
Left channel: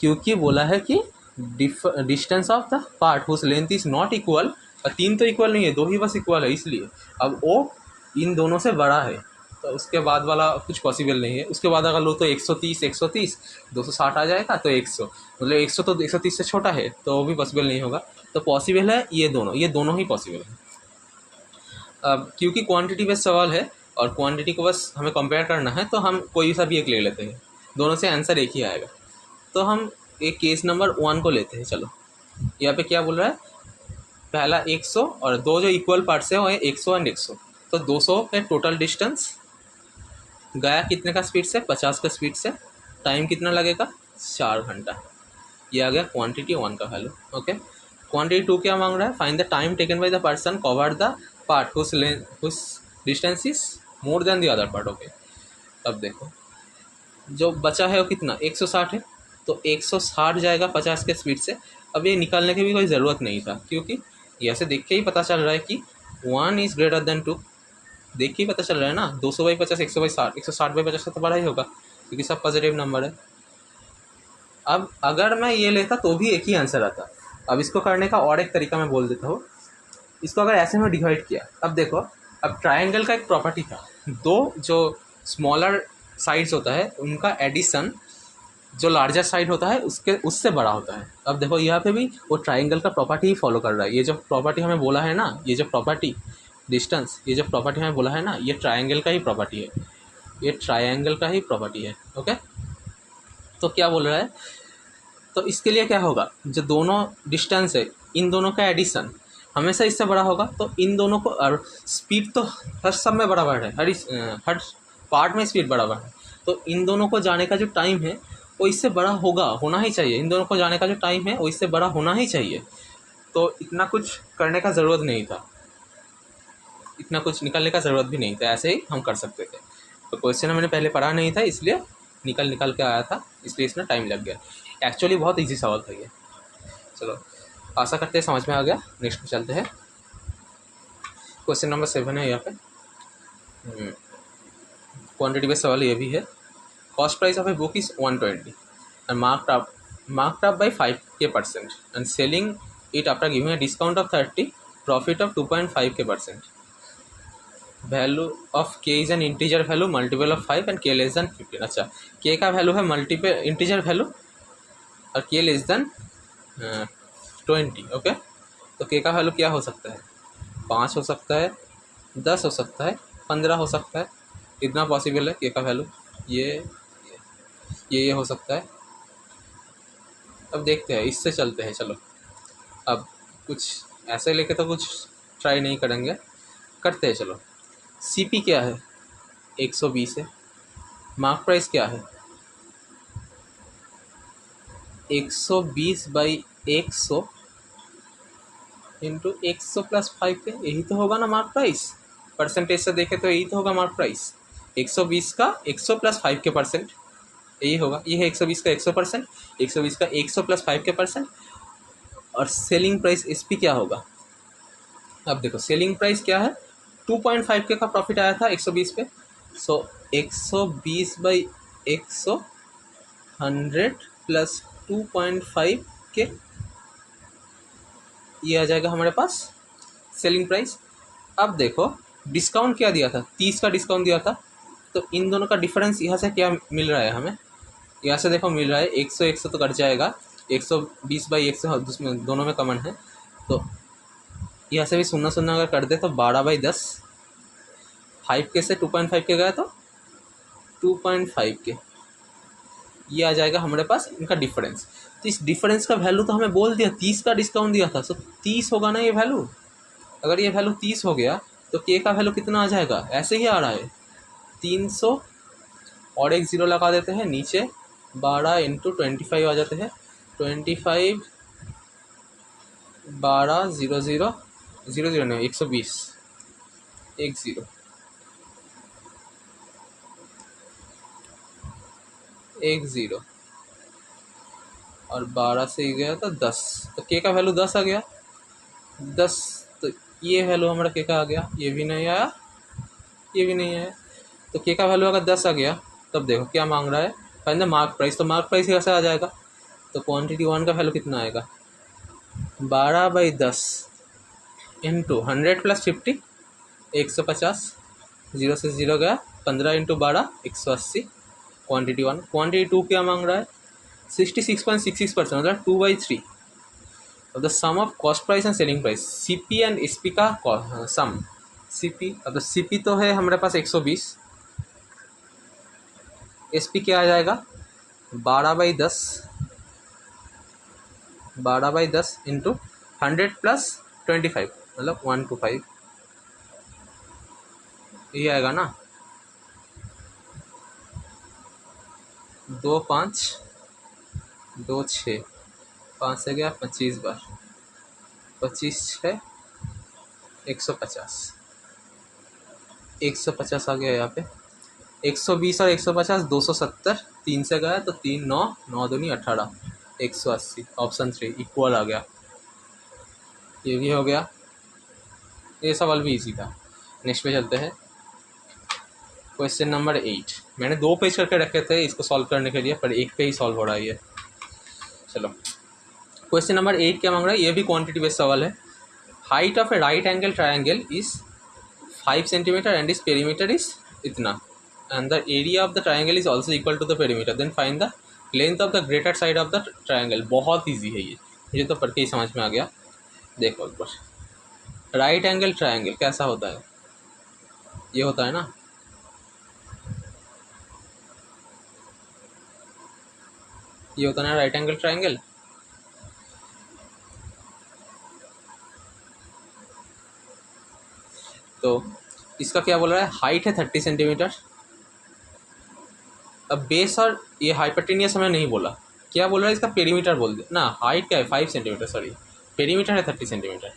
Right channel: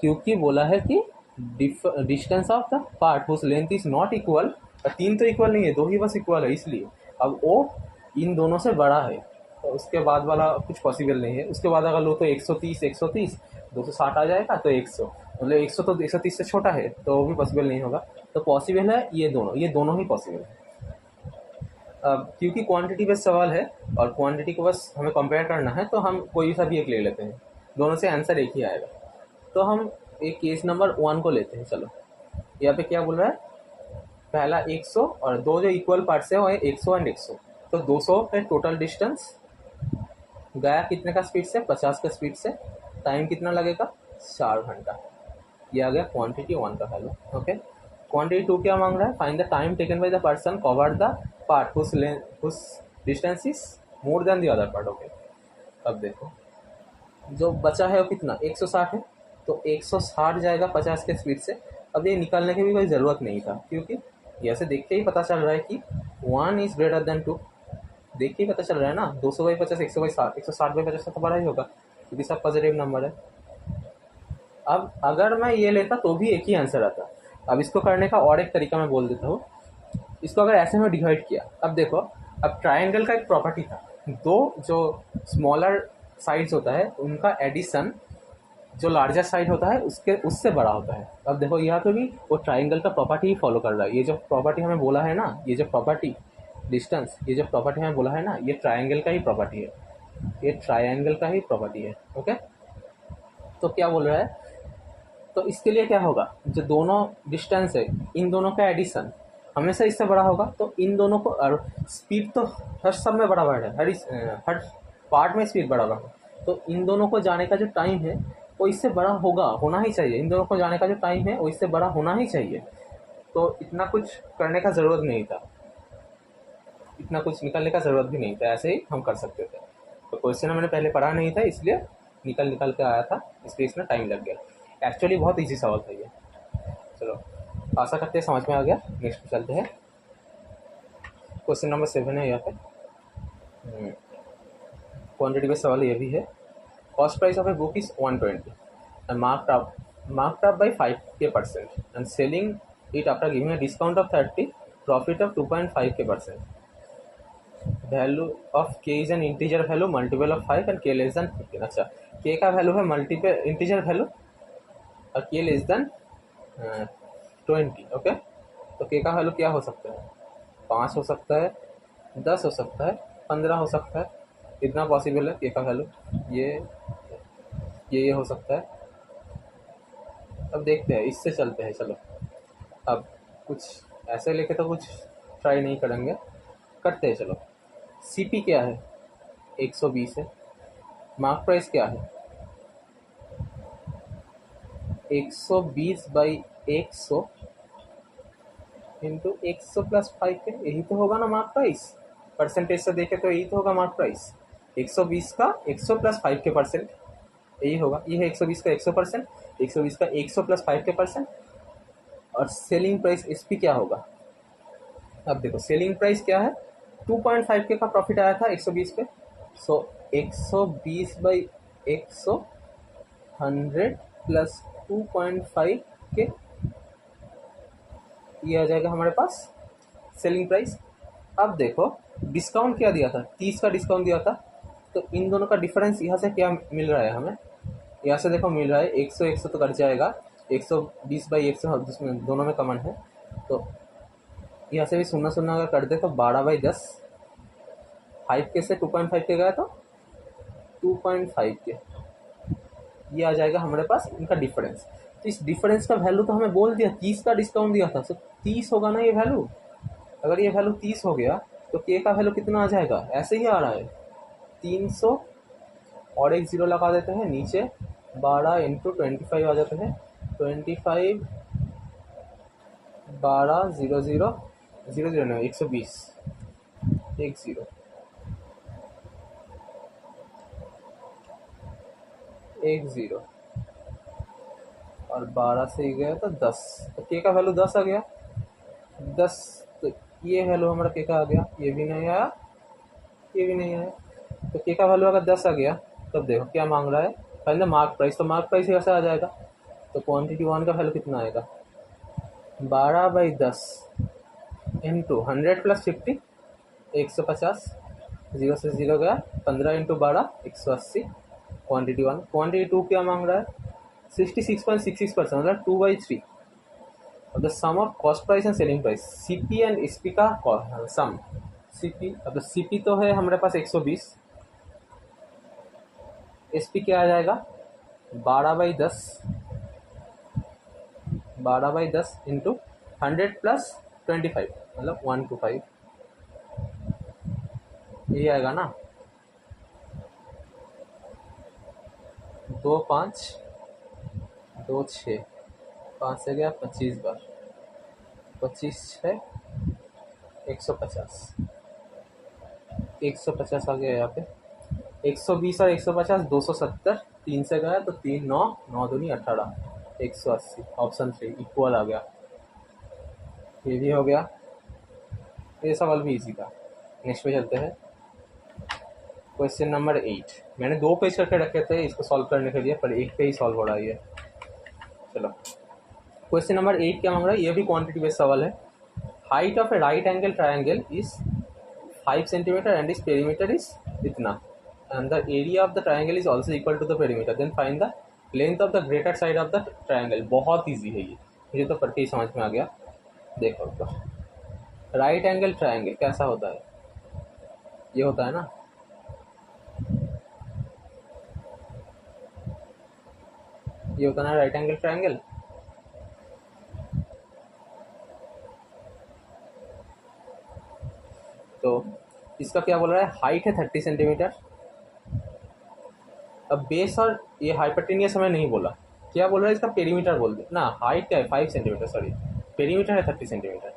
क्योंकि बोला है कि distance of the part whose length is not equal, 3 तो इक्वल नहीं है, 2 ही बस इक्वल है, इसलिए अब वो इन दोनों से बड़ा है, तो उसके बाद वाला कुछ पॉसिबल नहीं है। उसके बाद अगर लो तो 130 130 260 आ जाएगा, तो 100 मतलब 100 तो 130 से छोटा है, तो वो भी पॉसिबल नहीं होगा। तो पॉसिबल है ये दोनों ही पॉसिबल है। अब क्योंकि क्वांटिटी बेस्ड सवाल है और क्वांटिटी को बस हमें कंपेयर करना है, तो हम कोई सा भी एक ले लेते हैं, दोनों से आंसर एक ही आएगा। तो हम एक केस नंबर 1 को लेते हैं। चलो, यहाँ पे क्या बोल रहा है, पहला 100 और दो जो इक्वल पार्ट्स है वो है 100 एंड 100। तो 200 है टोटल डिस्टेंस, गया कितने का स्पीड से, 50 का स्पीड से, टाइम कितना लगेगा, 4 घंटा। ये आ गया क्वांटिटी 1 का वैल्यू। ओके, क्वांटिटी 2 क्या मांग रहा है, find the time taken by the person cover the part whose distance is more than the other part. Okay, अब देखो जो बचा है वो कितना, 160 है, तो 160 जाएगा 50 के स्पीड से। अब ये निकालने की भी कोई ज़रूरत नहीं था, क्योंकि ऐसे देख के ही पता चल रहा है कि 1 इज़ ग्रेटर देन 2। देख के ही पता चल रहा है ना, 200/50 100/60, 160/50 तो बड़ा ही होगा, क्योंकि सब पॉजिटिव नंबर है। अब अगर मैं ये लेता तो भी एक ही आंसर आता। अब इसको करने का और एक तरीका मैं बोल देता हूँ। इसको अगर ऐसे में डिवाइड किया, अब देखो, अब ट्रायंगल का एक प्रॉपर्टी था, दो जो स्मॉलर साइड्स होता है उनका एडिशन जो लार्जर साइड होता है उससे बड़ा होता है। अब देखो यहाँ पे भी वो ट्रायंगल का प्रॉपर्टी ही फॉलो कर रहा है। ये जो प्रॉपर्टी हमें बोला है ना, ये जो प्रॉपर्टी डिस्टेंस, ये जो प्रॉपर्टी हमें बोला है ना, ये ट्रायंगल का ही प्रॉपर्टी है, ये ट्रायंगल का ही प्रॉपर्टी है। ओके, तो क्या बोल रहा है, तो इसके लिए क्या होगा, जो दोनों डिस्टेंस है इन दोनों का एडिशन हमेशा इससे बड़ा होगा। तो इन दोनों को, और स्पीड तो हर सब में बराबर है, हर पार्ट में स्पीड बराबर है, तो इन दोनों को जाने का जो टाइम है वो इससे बड़ा होना ही चाहिए। इन दोनों को जाने का जो टाइम है वो इससे बड़ा होना ही चाहिए। तो इतना कुछ करने का ज़रूरत नहीं था, इतना कुछ निकालने का ज़रूरत भी नहीं था, ऐसे ही हम कर सकते थे। तो क्वेश्चन मैंने पहले पढ़ा नहीं था, इसलिए निकल के आया था, इसलिए इसमें टाइम लग गया। एक्चुअली बहुत ईजी सवाल था ये। चलो, आशा करते हैं समझ में आ गया। नेक्स्ट पे चलते हैं। क्वेश्चन नंबर 7 है यहाँ पे, क्वांटिटी बेस्ड सवाल ये भी है। Cost price of a book is 120 and marked up by 5% and selling it after giving a discount of 30, profit of 2.5%. Value of k is an integer value multiple of 5 and k less than 15। अच्छा, k का value है multiple integer value और k less than 20। Okay, तो k का value क्या हो सकता है, 5 हो सकता है, 10 हो सकता है, 15 हो सकता है। कितना पॉसिबल है k का वैल्यू, ये हो सकता है। अब देखते हैं, इससे चलते हैं। चलो, अब कुछ ऐसे लेके तो कुछ ट्राई नहीं करेंगे, करते हैं। चलो, सीपी क्या है, 120 है। मार्क प्राइस क्या है, 120/100 इंटू 100 + 5 के, यही तो होगा ना मार्क प्राइस। परसेंटेज से देखे तो यही तो होगा मार्क प्राइस। 120 का 100 + 5 के परसेंट, यही होगा। ये है 120 का 100%, 120 का 100 + 5 के परसेंट। और सेलिंग प्राइस एसपी क्या होगा, अब देखो सेलिंग प्राइस क्या है, 2.5 के का प्रॉफिट आया था 120 पे। सो 120/100 100 + 2.5 के, ये आ जाएगा हमारे पास सेलिंग प्राइस। अब देखो डिस्काउंट क्या दिया था, 30 का डिस्काउंट दिया था। तो इन दोनों का डिफरेंस यहाँ से क्या मिल रहा है हमें, यहाँ से देखो मिल रहा है 100 तो कट जाएगा, 120/100 उसमें दोनों में कॉमन है। तो यहाँ से भी 0 अगर कर दे तो 12/10, 5 के से 2.5 के गया तो 2.5 के, ये आ जाएगा हमारे पास इनका डिफरेंस। तो इस डिफरेंस का वैल्यू तो हमें बोल दिया, 30 का डिस्काउंट दिया था, तो 30 होगा ना ये वैल्यू। अगर ये वैल्यू 30 हो गया तो के का वैल्यू कितना आ जाएगा, ऐसे ही आ रहा है 300 और एक ज़ीरो लगा देते हैं नीचे, 12 × 25 आ जाते हैं, 25 12 0 0 0 0 नहीं 120 1 0 1 0 और 12 से गया तो 10, तो के का वैल्यू 10 आ गया, 10। तो ये वैल्यू हमारा के का आ गया, ये भी नहीं आया, ये भी नहीं आया। तो के का वैल्यू अगर 10 आ गया, तब देखो क्या मांग रहा है, फाइंड द मार्क प्राइस। तो मार्क प्राइस कैसे आ जाएगा, तो क्वांटिटी 1 का वैल्यू कितना आएगा, 12/10 इंटू 100 + 50 150, 0 से 0 गया, 15 इंटू 12 180 क्वांटिटी 1। क्वांटिटी 2 क्या मांग रहा है 66.66% मतलब 2/3 of the sum of cost price and selling price CP and SP का सम। CP अब CP तो है हमारे पास 120, SP क्या आ जाएगा 12/10 इंटू 100 प्लस 25 मतलब 125 ये आएगा ना 2 5 2 6 5 से गया 25 बार 25 6 150 150 आ गया यहाँ पे 120 और 150 270 3 से गया तो 3 9 9 दूनी 18 180 ऑप्शन 3 इक्वल आ गया। ये भी हो गया। ये सवाल भी इजी था। नेक्स्ट पे चलते हैं। क्वेश्चन नंबर 8 मैंने 2 पेज करके रखे थे इसको सॉल्व करने के लिए पर एक पे ही सॉल्व हो रहा है ये। चलो क्वेश्चन नंबर 8 क्या मांग रहा है ये भी क्वांटिटी बेस्ड सवाल है। Height of A right angle triangle is 5 centimetre and is perimeter is इतना and the area of the triangle is also equal to the perimeter then find the length of the greater side of the triangle। बहुत easy है ये मुझे तो पढ़ के ही समझ में आ गया। देखो एक बार राइट एंगल ट्रायंगल कैसा होता है ये होता है ना ये होता है ना राइट एंगल ट्रायंगल। तो इसका क्या बोल रहा है हाइट है 30 सेंटीमीटर। अब बेस और ये हाइपोटेनियस हमें नहीं बोला क्या बोल रहा है इसका पेरीमीटर बोल दे ना। हाइट क्या है 5 सेंटीमीटर सॉरी पेरीमीटर है 30 सेंटीमीटर।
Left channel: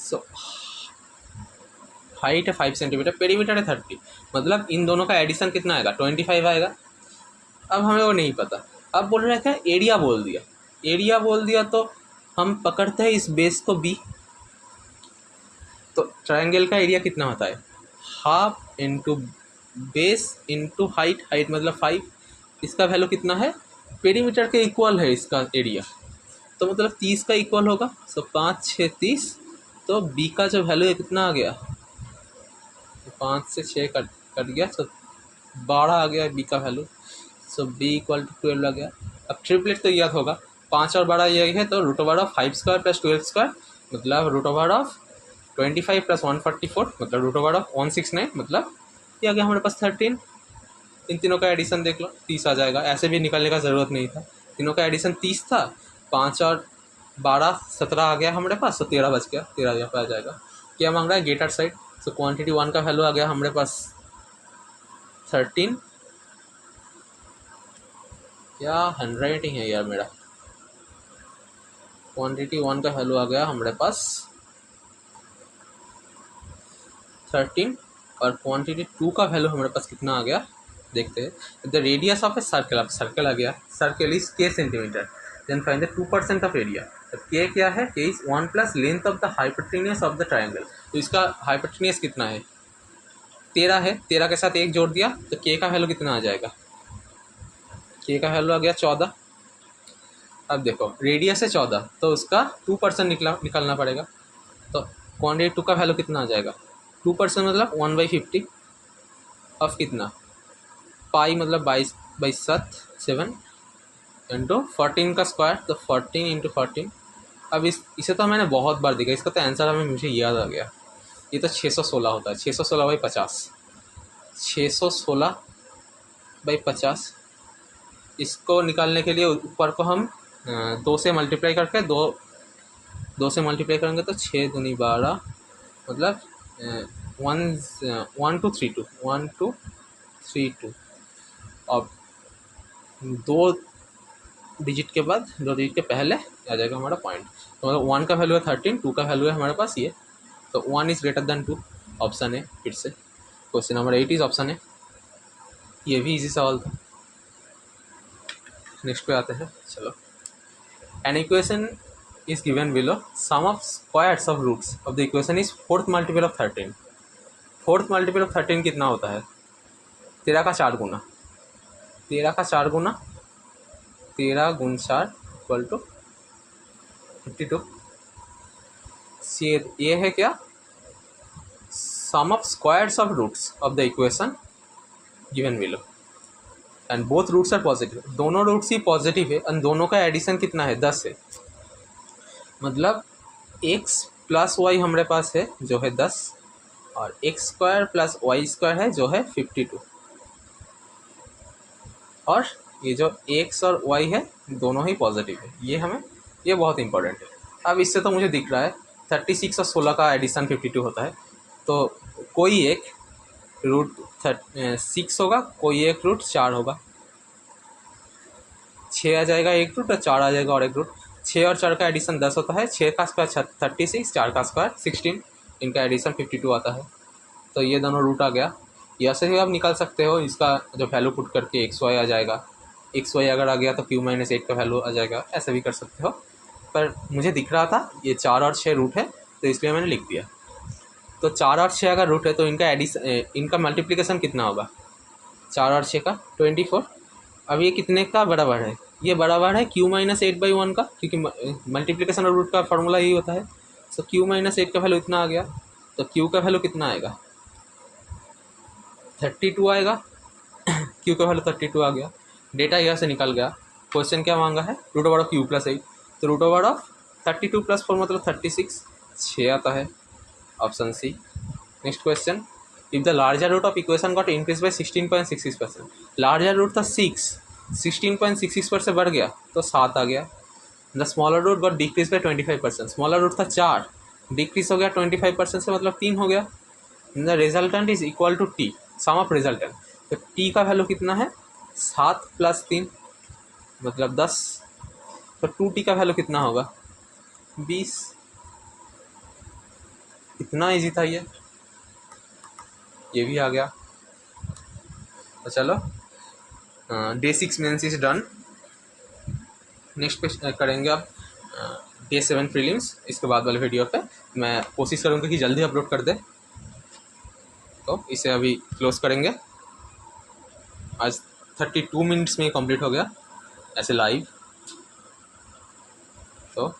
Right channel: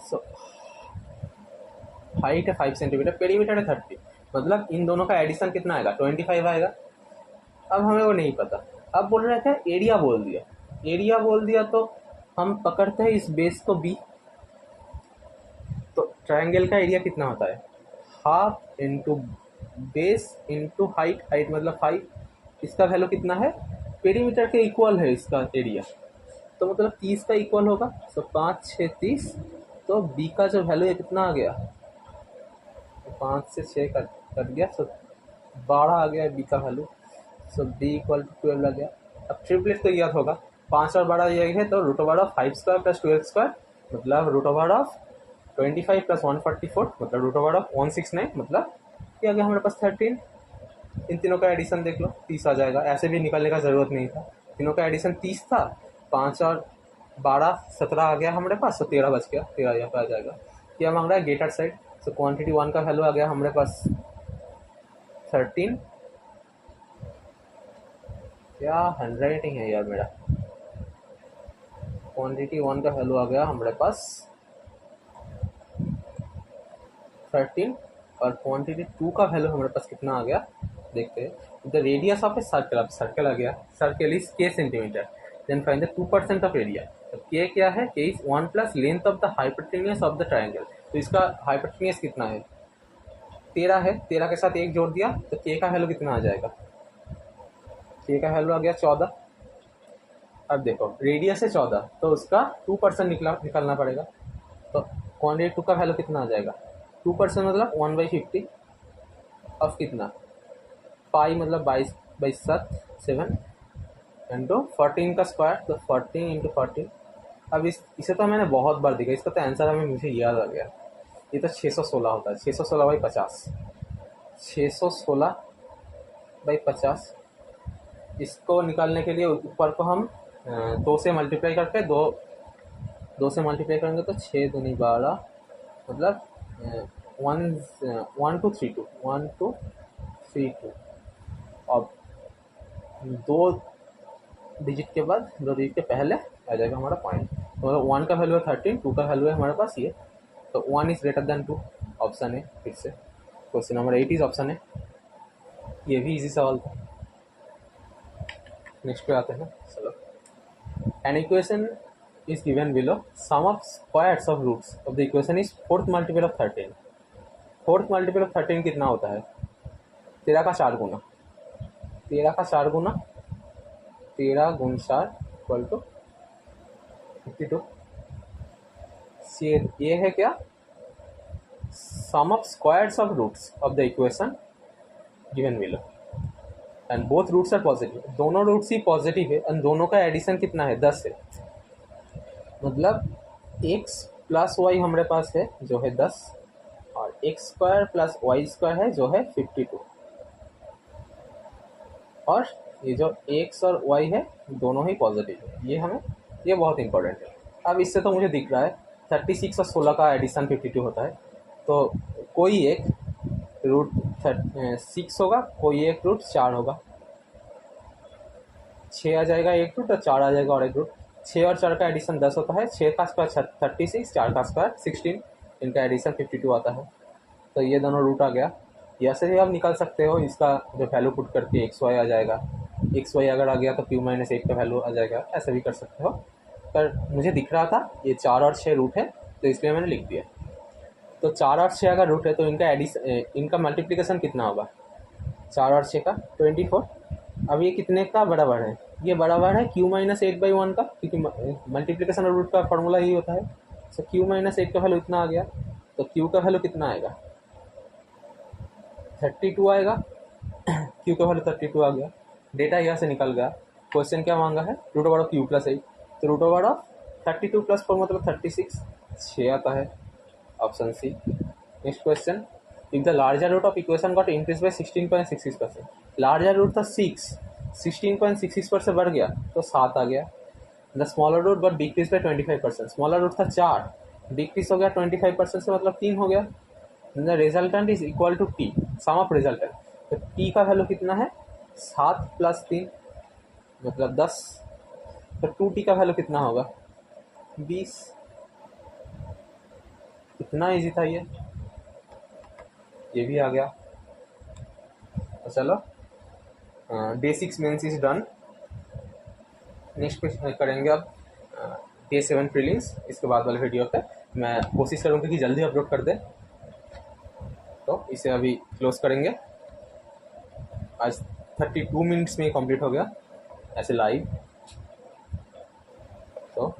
सो हाइट है 5 सेंटीमीटर पेरीमीटर है 30 मतलब इन दोनों का एडिशन कितना आएगा 25 आएगा। अब हमें वो नहीं पता। अब बोल रहा था एरिया बोल दिया तो हम पकड़ते हैं इस बेस को बी। तो ट्रायंगल का एरिया कितना होता है half into base into height height मतलब 5 इसका वैल्यू कितना है पेरीमीटर के इक्वल है इसका एरिया तो मतलब 30 का इक्वल होगा। सो 5 6 30 तो बी का जो वैल्यू है कितना आ गया 5 से 6 कट गया सो 12 आ गया बी का value. So B equal to 12 आ गया। अब ट्रिपलेट तो याद होगा 5 और 12 ये है तो root over of 5 square plus 12 square मतलब रूट ओवर ऑफ 25 प्लस 144 मतलब रूट ओवर ऑफ 169 मतलब ये आ गया हमारे पास 13। इन तीनों का एडिशन देख लो 30 आ जाएगा। ऐसे भी निकालने का ज़रूरत नहीं था तीनों का एडिशन 30 था 5 और 12 17 आ गया हमारे पास तो 13 बच गया 13 यहाँ पे आ जाएगा। क्या मांग रहा है ग्रेटर साइड। सो क्वांटिटी 1 का वैल्यू आ गया हमारे पास 13 क्या हैंडराइटिंग है यार मेरा। क्वांटिटी 1 का वैल्यू आ गया हमारे पास 13 और क्वांटिटी 2 का वैल्यू हमारे पास कितना आ गया देखते हैं। The radius of a circle अब सर्कल आ गया circle is k centimetre then find the 2% of area. k क्या है k is 1 plus length of the hypotenuse of the triangle. तो इसका हाइपोटेनियस कितना है 13 है 13 के साथ 1 जोड़ दिया तो k का वैल्यू कितना आ जाएगा k का वैल्यू आ गया 14। अब देखो रेडियस है 14 तो उसका 2% निकालना पड़ेगा तो क्वांटिटी 2 का वैल्यू कितना आ जाएगा 2% मतलब 1/50 ऑफ कितना पाई मतलब 22/7 इंटू 14 का स्क्वायर तो 14 इंटू 14। अब इसे तो मैंने बहुत बार देखा इसका तो आंसर हमें मुझे याद आ गया ये तो 616 होता है 616/50 616/50। इसको निकालने के लिए ऊपर को हम 2 से मल्टीप्लाई करके 2 से मल्टीप्लाई करेंगे तो 6 दूनी 12 मतलब 1 2 3 2 1 2 3 2 अब 2 डिजिट के बाद 2 डिजिट के पहले आ जाएगा हमारा पॉइंट। तो 1 का वैल्यू है 13 2 का वैल्यू है हमारे पास ये तो 1 इज़ ग्रेटर देन 2 ऑप्शन है। फिर से क्वेश्चन नंबर 8 इज ऑप्शन है। ये भी इजी सवाल था। नेक्स्ट पे आते हैं। चलो an equation is given below sum of squares of roots of the equation is 4th multiple of 13। 4th multiple of 13 कितना होता है 13 का 4 गुना 13 का 4 गुना 13 गुण 4 इक्वल टू 52। ये है क्या, sum of squares of roots of the equation given below and both roots are positive, दोनों रूट्स ही पॉजिटिव है एंड दोनों का एडिशन कितना है 10 है, मतलब x प्लस वाई हमारे पास है जो है 10 और x square plus y square है जो है 52 और ये जो x और y है दोनों ही पॉजिटिव है, ये बहुत इंपॉर्टेंट है। अब इससे तो मुझे दिख रहा है 36 और 16 का एडिशन 52 होता है, तो कोई एक रूट 6 होगा, कोई एक रूट 4 होगा, 6 आ जाएगा एक रूट और 4 आ जाएगा और एक रूट, 6 और 4 का एडिशन 10 होता है, 6 का स्क्वायर 36, 4 का स्क्वायर 16, इनका एडिशन 52 आता है। तो ये दोनों रूट आ गया, यहाँ से भी आप निकाल सकते हो, इसका जो वैल्यू पुट करके एक्स वाई आ जाएगा, एक्स वाई अगर आ गया तो क्यू माइनस 8 का वैल्यू आ जाएगा, ऐसा भी कर सकते हो। पर मुझे दिख रहा था ये 4 और 6 रूट है तो इसलिए मैंने लिख दिया। तो 4 और 6 अगर रूट है तो इनका मल्टीप्लिकेशन कितना होगा, 4 और 6 का 24। अब ये कितने का बराबर है, ये बराबर है क्यू माइनस 8/1 का, क्योंकि मल्टीप्लिकेशन और रूट का फॉर्मूला यही होता है। तो क्यू माइनस 8 का वैल्यू इतना आ गया, तो क्यू का वैल्यू कितना आएगा 32 आएगा क्यू का वैल्यू 32 आ गया, डेटा यहाँ से निकल गया। क्वेश्चन क्या मांगा है, root over of Q plus 8, तो रूट ओवर ऑफ 32 प्लस 4 मतलब 36, 6 आता है, option C. Next question, if the larger root of equation got increase by 16.66%, larger root था 6, 16.66% से बढ़ गया तो 7 आ गया। The smaller root got decrease by 25%, smaller root था 4, डिक्रीज हो गया 25% से मतलब 3 हो गया। The resultant is equal to T, sum of resultant, तो टी का वैल्यू कितना है 7 प्लस 3 मतलब 10, तो 2t का वैल्यू कितना होगा 20। इतना इजी था ये भी आ गया। तो चलो day 6 mains is done. Next करेंगे अब डे 7 प्रीलिम्स। इसके बाद वाले वीडियो पे मैं कोशिश करूँगा कि जल्दी अपलोड कर दे, तो इसे अभी क्लोज करेंगे। आज 32 मिनट्स में कंप्लीट हो गया ऐसे लाइव, तो